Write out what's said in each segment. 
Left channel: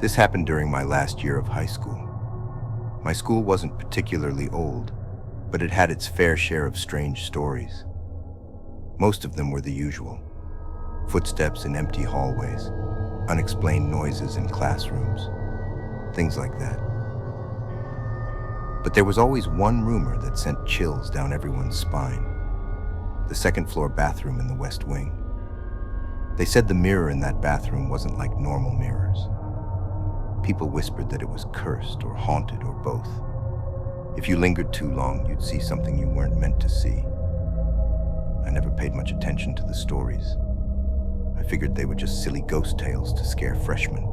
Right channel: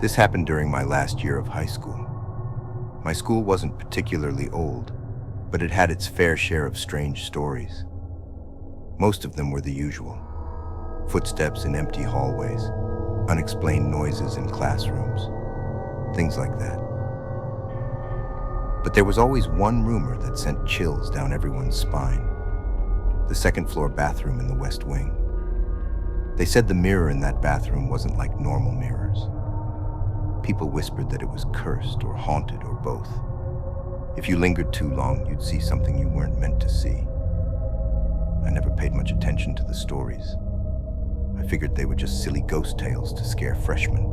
This happened during my last year of high school. My school wasn't particularly old, but it had its fair share of strange stories. Most of them were the usual: footsteps in empty hallways, unexplained noises in classrooms, things like that. But there was always one rumor that sent chills down everyone's spine: the second-floor bathroom in the West Wing. They said the mirror in that bathroom wasn't like normal mirrors. People whispered that it was cursed or haunted or both. If you lingered too long, you'd see something you weren't meant to see. I never paid much attention to the stories. I figured they were just silly ghost tales to scare freshmen.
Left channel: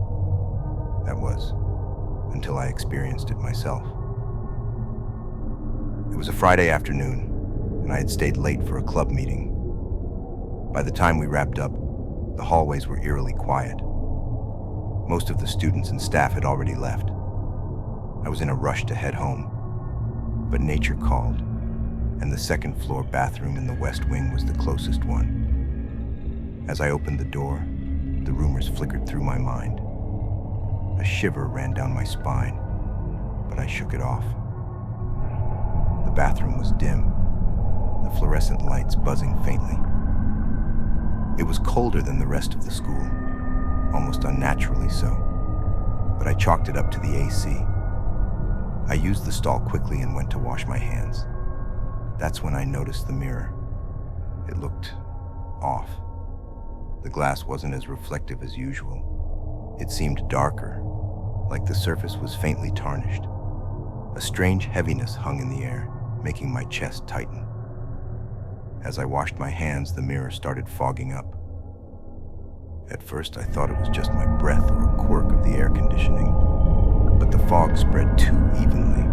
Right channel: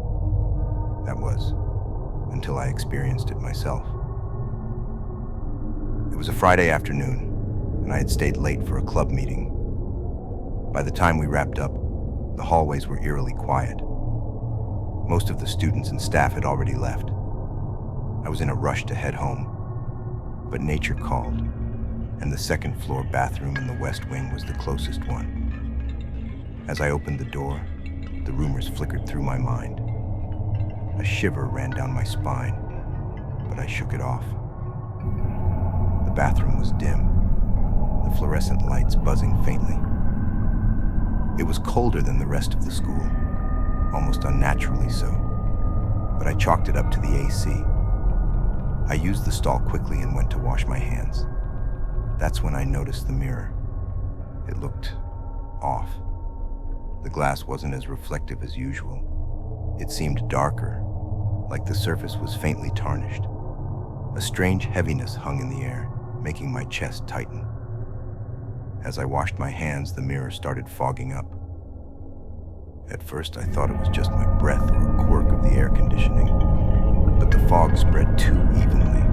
That was, until I experienced it myself. It was a Friday afternoon, and I had stayed late for a club meeting. By the time we wrapped up, the hallways were eerily quiet. Most of the students and staff had already left. I was in a rush to head home, but nature called, and the second-floor bathroom in the West Wing was the closest one. As I opened the door, the rumors flickered through my mind. A shiver ran down my spine, but I shook it off. The bathroom was dim, the fluorescent lights buzzing faintly. It was colder than the rest of the school, almost unnaturally so, but I chalked it up to the AC. I used the stall quickly and went to wash my hands. That's when I noticed the mirror. It looked off. The glass wasn't as reflective as usual. It seemed darker, like the surface was faintly tarnished. A strange heaviness hung in the air, making my chest tighten. As I washed my hands, the mirror started fogging up. At first, I thought it was just my breath or a quirk of the air conditioning, but the fog spread too evenly,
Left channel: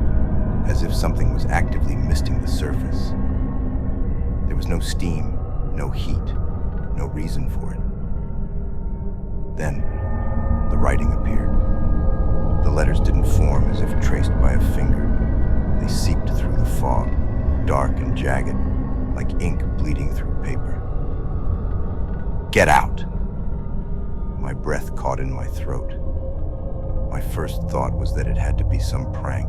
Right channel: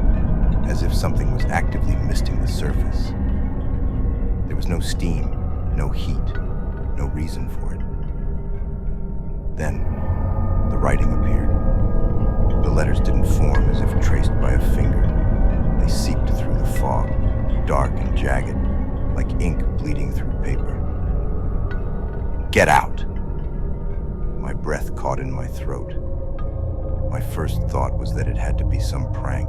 as if something was actively misting the surface. There was no steam, no heat, no reason for it. Then, the writing appeared. The letters didn't form as if traced by a finger. They seeped through the fog, dark and jagged, like ink bleeding through paper. "Get out!" My breath caught in my throat. My first thought was that it had to be some prank.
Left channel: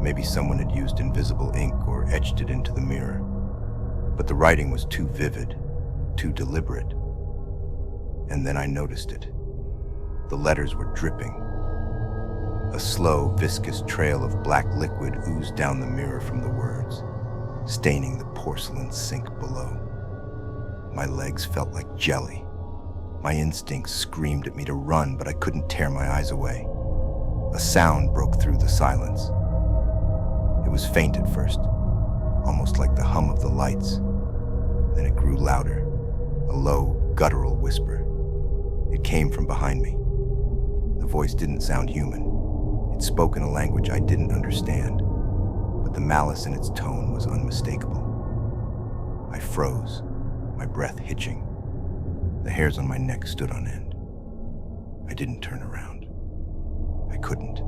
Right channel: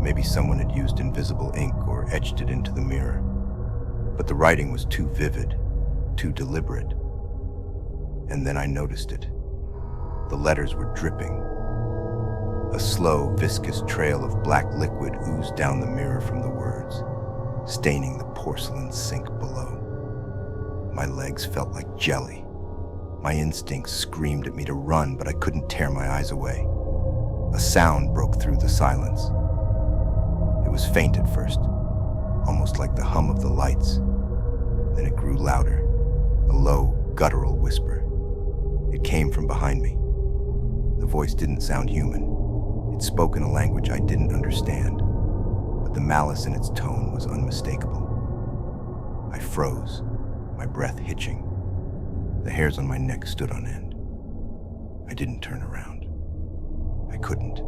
Maybe someone had used invisible ink or etched it into the mirror. But the writing was too vivid, too deliberate. And then I noticed it. The letters were dripping. A slow, viscous trail of black liquid oozed down the mirror from the words, staining the porcelain sink below. My legs felt like jelly. My instincts screamed at me to run, but I couldn't tear my eyes away. A sound broke through the silence. It was faint at first, almost like the hum of the lights. Then it grew louder, a low, guttural whisper. It came from behind me. The voice didn't sound human. It spoke in a language I didn't understand, but the malice in its tone was unmistakable. I froze, my breath hitching. The hairs on my neck stood on end. I didn't turn around. I couldn't.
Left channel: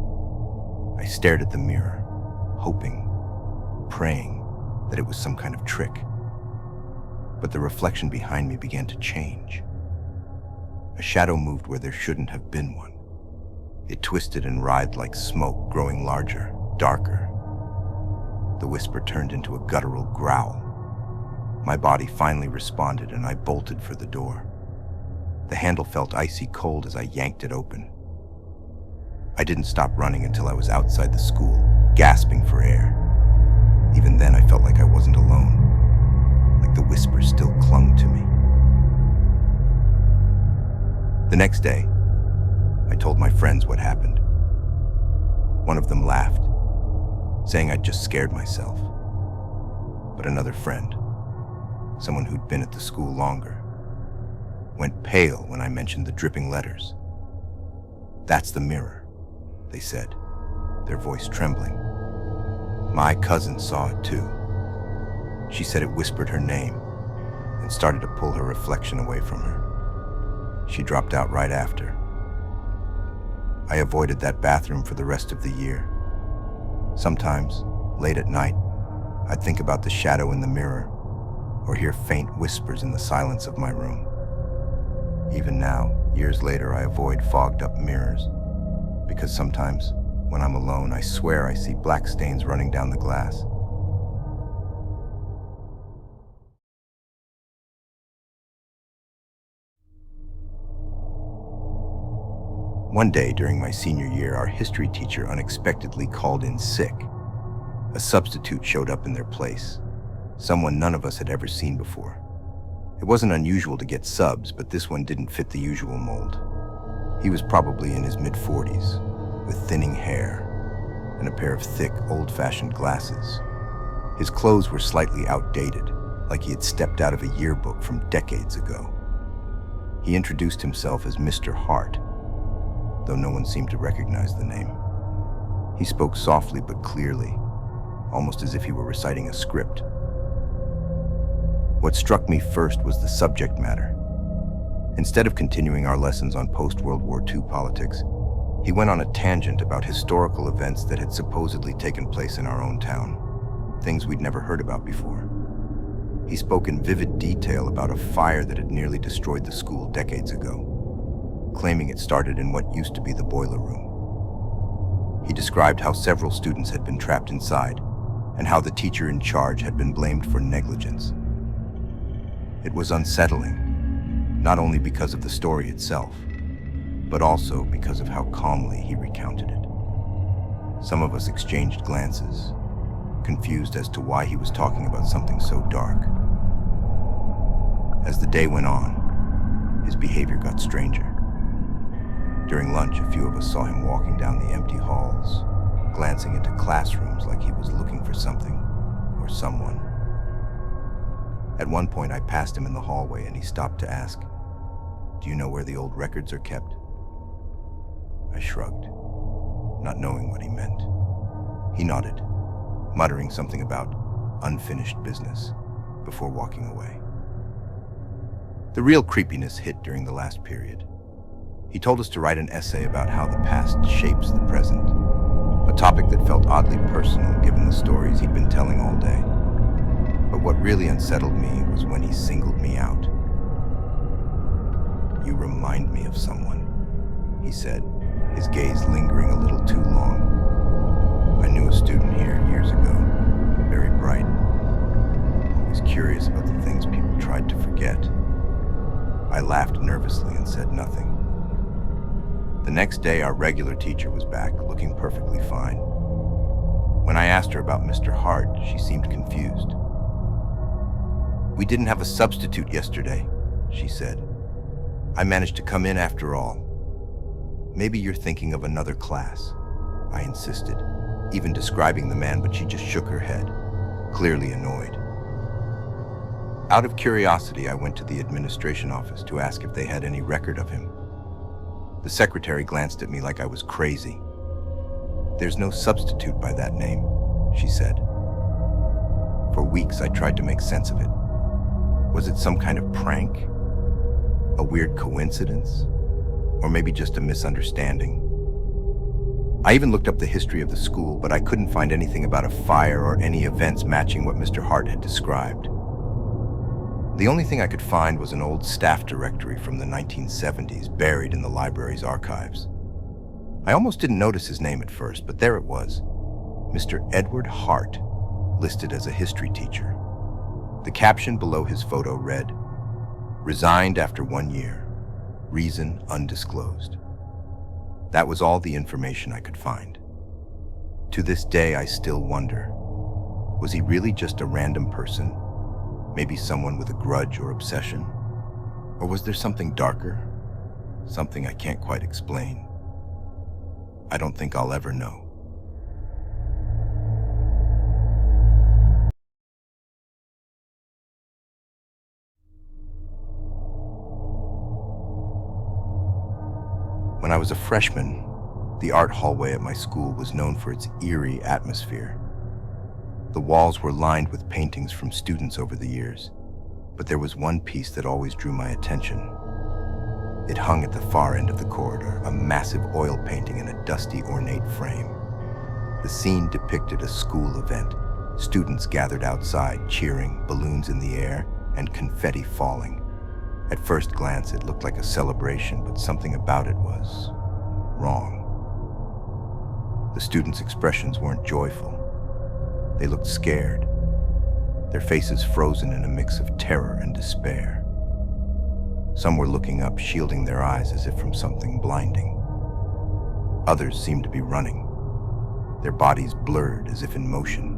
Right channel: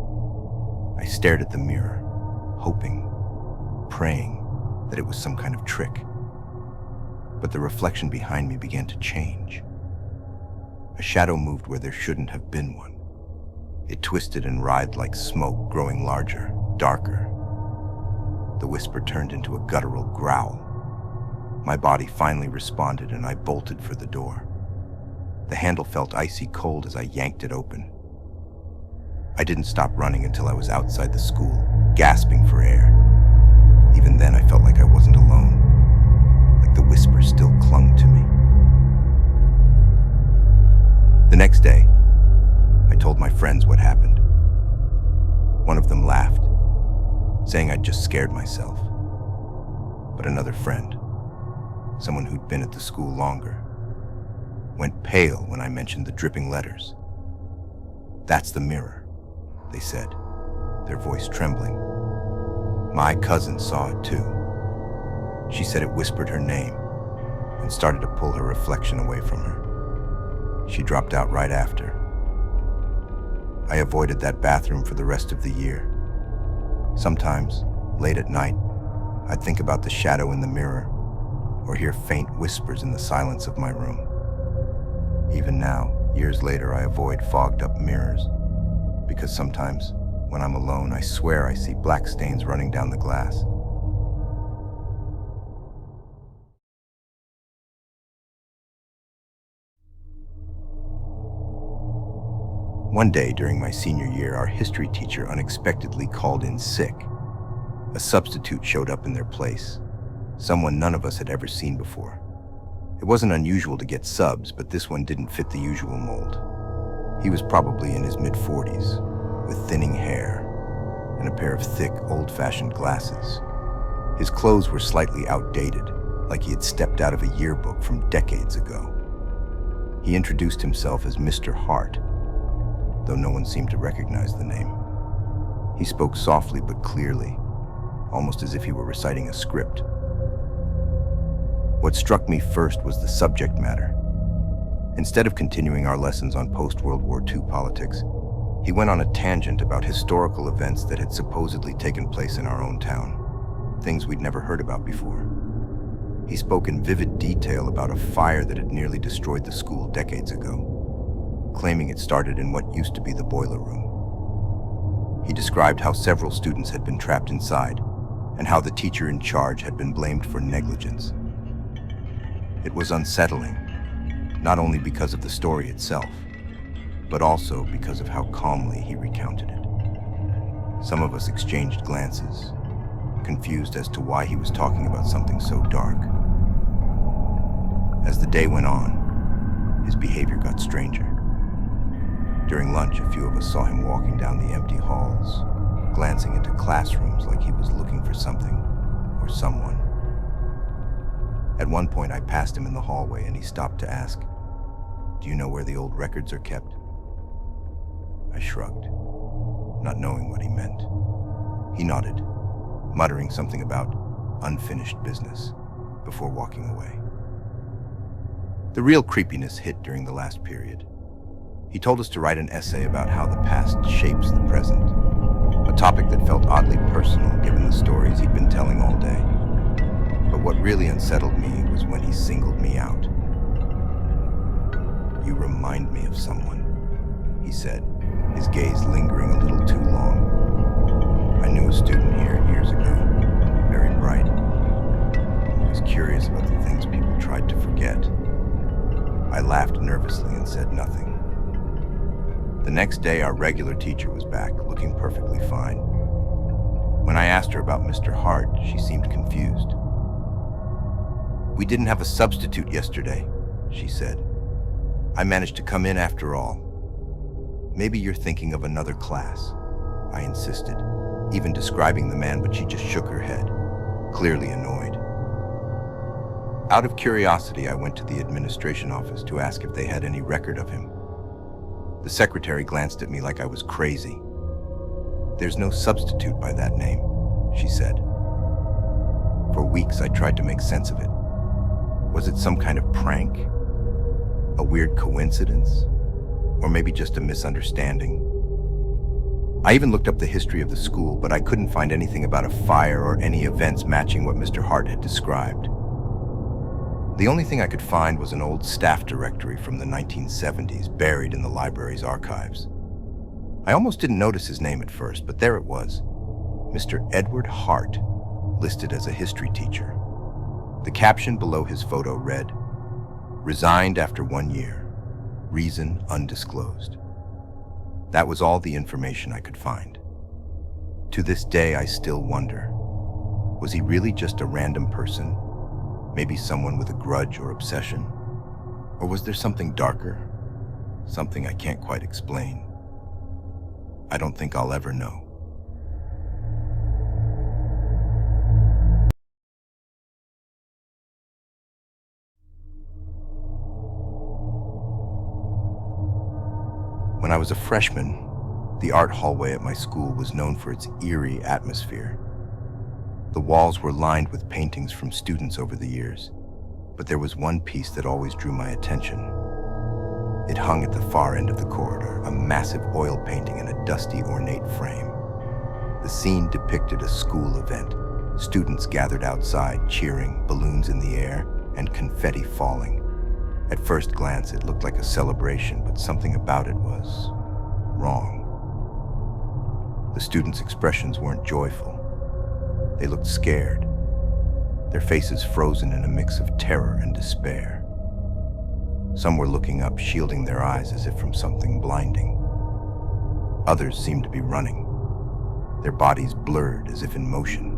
I stared at the mirror, hoping, praying that it was some kind of trick. But the reflection behind me began to change. A shadow moved where there shouldn't have been one. It twisted and writhed like smoke, growing larger, darker. The whisper turned into a guttural growl. My body finally responded, and I bolted for the door. The handle felt icy cold as I yanked it open. I didn't stop running until I was outside the school, gasping for air. Even then, I felt like I wasn't alone, like the whisper still clung to me. The next day, I told my friends what happened. One of them laughed, saying I'd just scared myself. But another friend, someone who'd been at the school longer, went pale when I mentioned the dripping letters. "That's the mirror," they said, their voice trembling. My cousin saw it too. She said it whispered her name and started to pull her reflection away from her. She dropped out right after. I avoided that bathroom for the rest of the year. Sometimes, late at night, I'd think about the shadow in the mirror or hear faint whispers in the silence of my room. Even now, Years later, I avoid fogged-up mirrors, because sometimes, when I'm alone, I swear I see black stains running down the glass. One day during my senior year, our history teacher unexpectedly called in sick. A substitute showed up in their place, someone none of us had ever seen before. It wasn't unusual to get subs, but this one didn't fit the usual mold. He was probably in his mid-40s, with thinning hair and a pair of thick, old-fashioned glasses. His clothes were slightly outdated, like he had stepped out of a yearbook from decades ago. He introduced himself as Mr. Hart, though no one seemed to recognize the name. He spoke softly but clearly, almost as if he were reciting a script. What struck me first was the subject matter. Instead of continuing our lessons on post-World War II politics, he went on a tangent about historical events that had supposedly taken place in our own town, things we'd never heard about before. He spoke in vivid detail about a fire that had nearly destroyed the school decades ago, claiming it started in what used to be the boiler room. He described how several students had been trapped inside, and how the teacher in charge had been blamed for negligence. It was unsettling, not only because of the story itself, but also because of how calmly he recounted it. Some of us exchanged glances, confused as to why he was talking about something so dark. As the day went on, his behavior got stranger. During lunch, a few of us saw him walking down the empty halls, glancing into classrooms like he was looking for something or someone. At one point, I passed him in the hallway and he stopped to ask, "Do you know where the old records are kept?" I shrugged, not knowing what he meant. He nodded, muttering something about unfinished business before walking away. The real creepiness hit during the last period. He told us to write an essay about how the past shapes the present, a topic that felt oddly personal given the stories he'd been telling all day. But what really unsettled me was when he singled me out. "You remind me of someone," he said, his gaze lingering a little too long. "I knew a student here years ago, very bright, always curious about the things people tried to forget." I laughed nervously and said nothing. The next day, our regular teacher was back, looking perfectly fine. When I asked her about Mr. Hart, she seemed confused. "We didn't have a substitute yesterday," she said. "I managed to come in after all." "Maybe you're thinking of another class," I insisted, even describing the man, but she just shook her head, clearly annoyed. Out of curiosity, I went to the administration office to ask if they had any record of him. The secretary glanced at me like I was crazy. "There's no substitute by that name," she said. For weeks, I tried to make sense of it. Was it some kind of prank? A weird coincidence? Or maybe just a misunderstanding? I even looked up the history of the school, but I couldn't find anything about a fire or any events matching what Mr. Hart had described. The only thing I could find was an old staff directory from the 1970s, buried in the library's archives. I almost didn't notice his name at first, but there it was, Mr. Edward Hart, listed as a history teacher. The caption below his photo read, "Resigned after 1 year. Reason undisclosed." That was all the information I could find. To this day, I still wonder, was he really just a random person? Maybe someone with a grudge or obsession? Or was there something darker? Something I can't quite explain? I don't think I'll ever know. When I was a freshman, the art hallway at my school was known for its eerie atmosphere. The walls were lined with paintings from students over the years, but there was one piece that always drew my attention. It hung at the far end of the corridor, a massive oil painting in a dusty, ornate frame. The scene depicted a school event, students gathered outside, cheering, balloons in the air, and confetti falling. At first glance, it looked like a celebration, but something about it was wrong. The students' expressions weren't joyful. They looked scared, their faces frozen in a mix of terror and despair. Some were looking up, shielding their eyes as if from something blinding. Others seemed to be running, their bodies blurred as if in motion.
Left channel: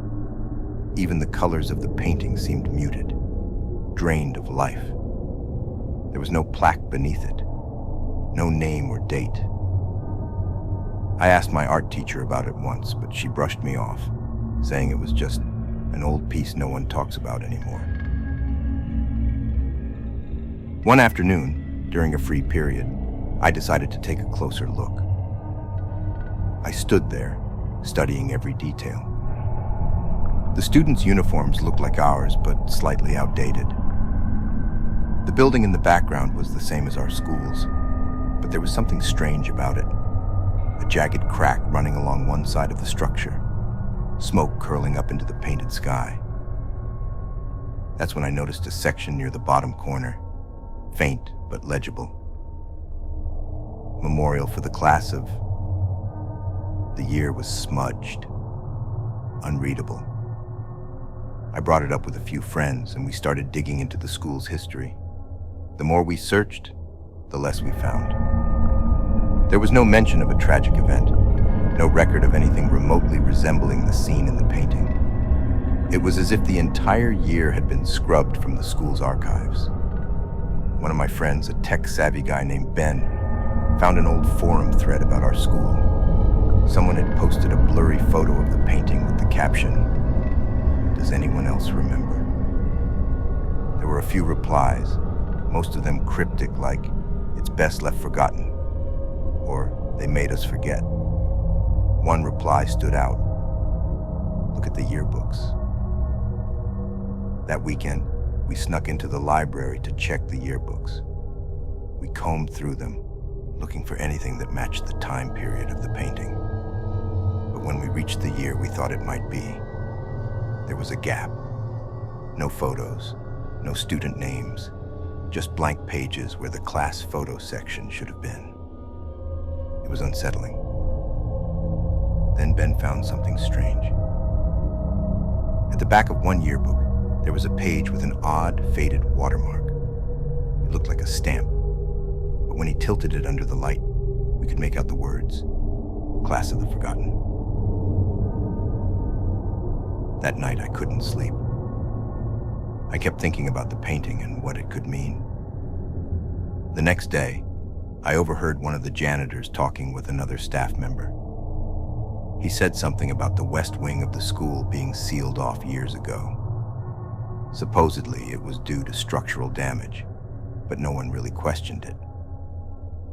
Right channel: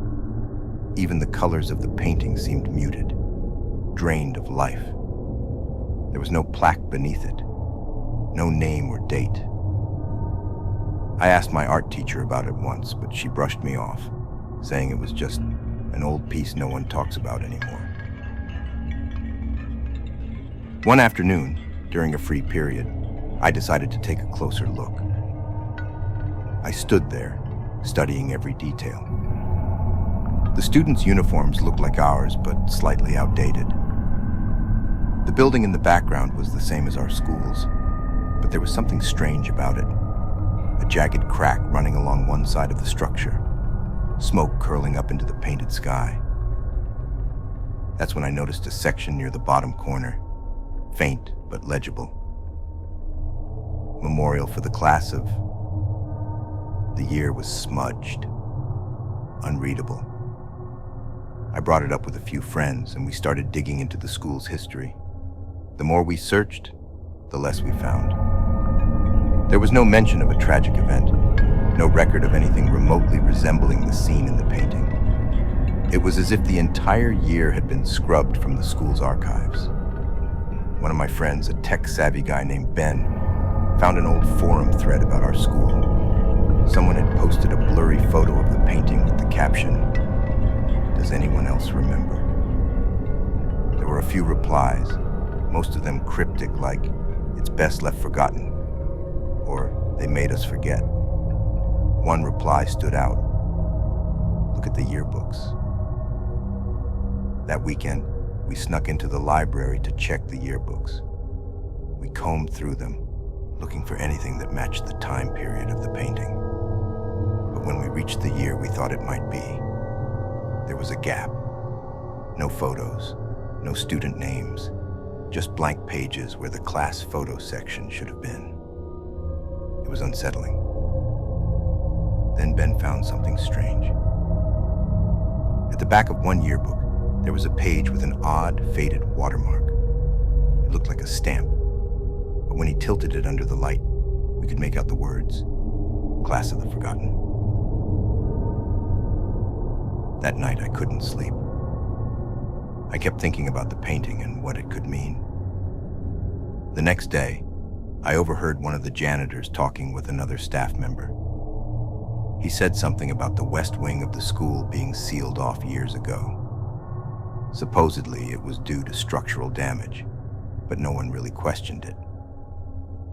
Even the colors of the painting seemed muted, drained of life. There was no plaque beneath it, no name or date. I asked my art teacher about it once, but she brushed me off, saying it was just an old piece no one talks about anymore. One afternoon, during a free period, I decided to take a closer look. I stood there, studying every detail. The students' uniforms looked like ours, but slightly outdated. The building in the background was the same as our schools, but there was something strange about it. A jagged crack running along one side of the structure, smoke curling up into the painted sky. That's when I noticed a section near the bottom corner, faint but legible. Memorial for the class of... The year was smudged, unreadable. I brought it up with a few friends, and we started digging into the school's history. The more we searched, the less we found. There was no mention of a tragic event, no record of anything remotely resembling the scene in the painting. It was as if the entire year had been scrubbed from the school's archives. One of my friends, a tech-savvy guy named Ben, found an old forum thread about our school. Someone had posted a blurry photo of the painting with the caption, "Does anyone else remember?" There were a few replies, most of them cryptic, like, "It's best left forgotten," or "They made us forget." One reply stood out. "Look at the yearbooks." That weekend, we snuck into the library to check the yearbooks. We combed through them, looking for anything that matched the time period of the painting. But when we reached the year we thought it might be, there was a gap. No photos, no student names, just blank pages where the class photo section should have been. It was unsettling. Then Ben found something strange. At the back of one yearbook, there was a page with an odd, faded watermark. It looked like a stamp, but when he tilted it under the light, we could make out the words, "Class of the Forgotten." That night, I couldn't sleep. I kept thinking about the painting and what it could mean. The next day, I overheard one of the janitors talking with another staff member. He said something about the west wing of the school being sealed off years ago. Supposedly, it was due to structural damage, but no one really questioned it.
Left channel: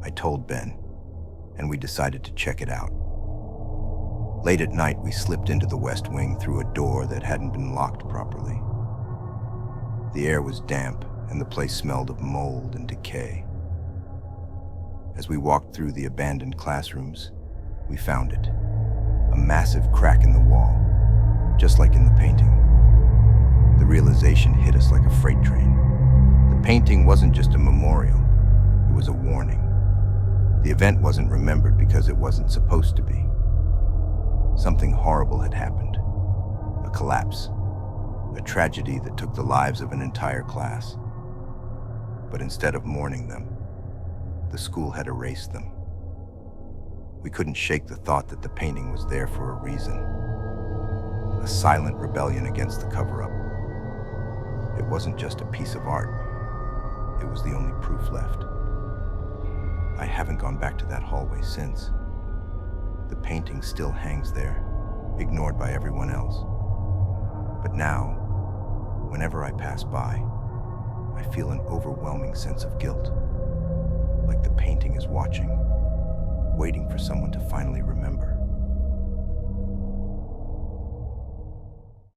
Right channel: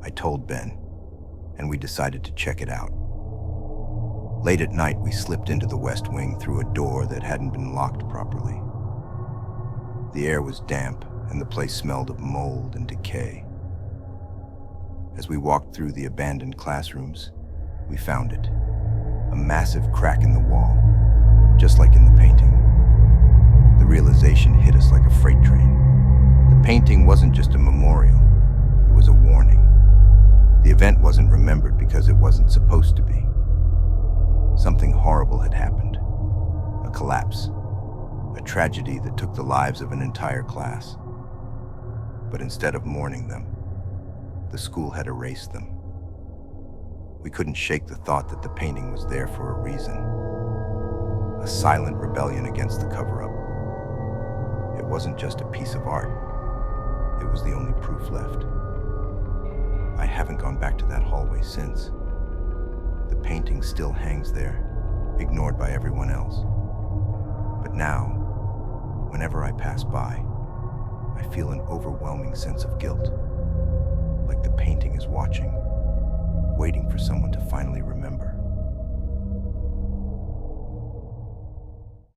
I told Ben, and we decided to check it out. Late at night, we slipped into the west wing through a door that hadn't been locked properly. The air was damp, and the place smelled of mold and decay. As we walked through the abandoned classrooms, we found it. A massive crack in the wall, just like in the painting. The realization hit us like a freight train. The painting wasn't just a memorial, it was a warning. The event wasn't remembered because it wasn't supposed to be. Something horrible had happened. A collapse. A tragedy that took the lives of an entire class. But instead of mourning them, the school had erased them. We couldn't shake the thought that the painting was there for a reason. A silent rebellion against the cover-up. It wasn't just a piece of art. It was the only proof left. I haven't gone back to that hallway since. The painting still hangs there, ignored by everyone else. But now, whenever I pass by, I feel an overwhelming sense of guilt. Like the painting is watching, waiting for someone to finally remember.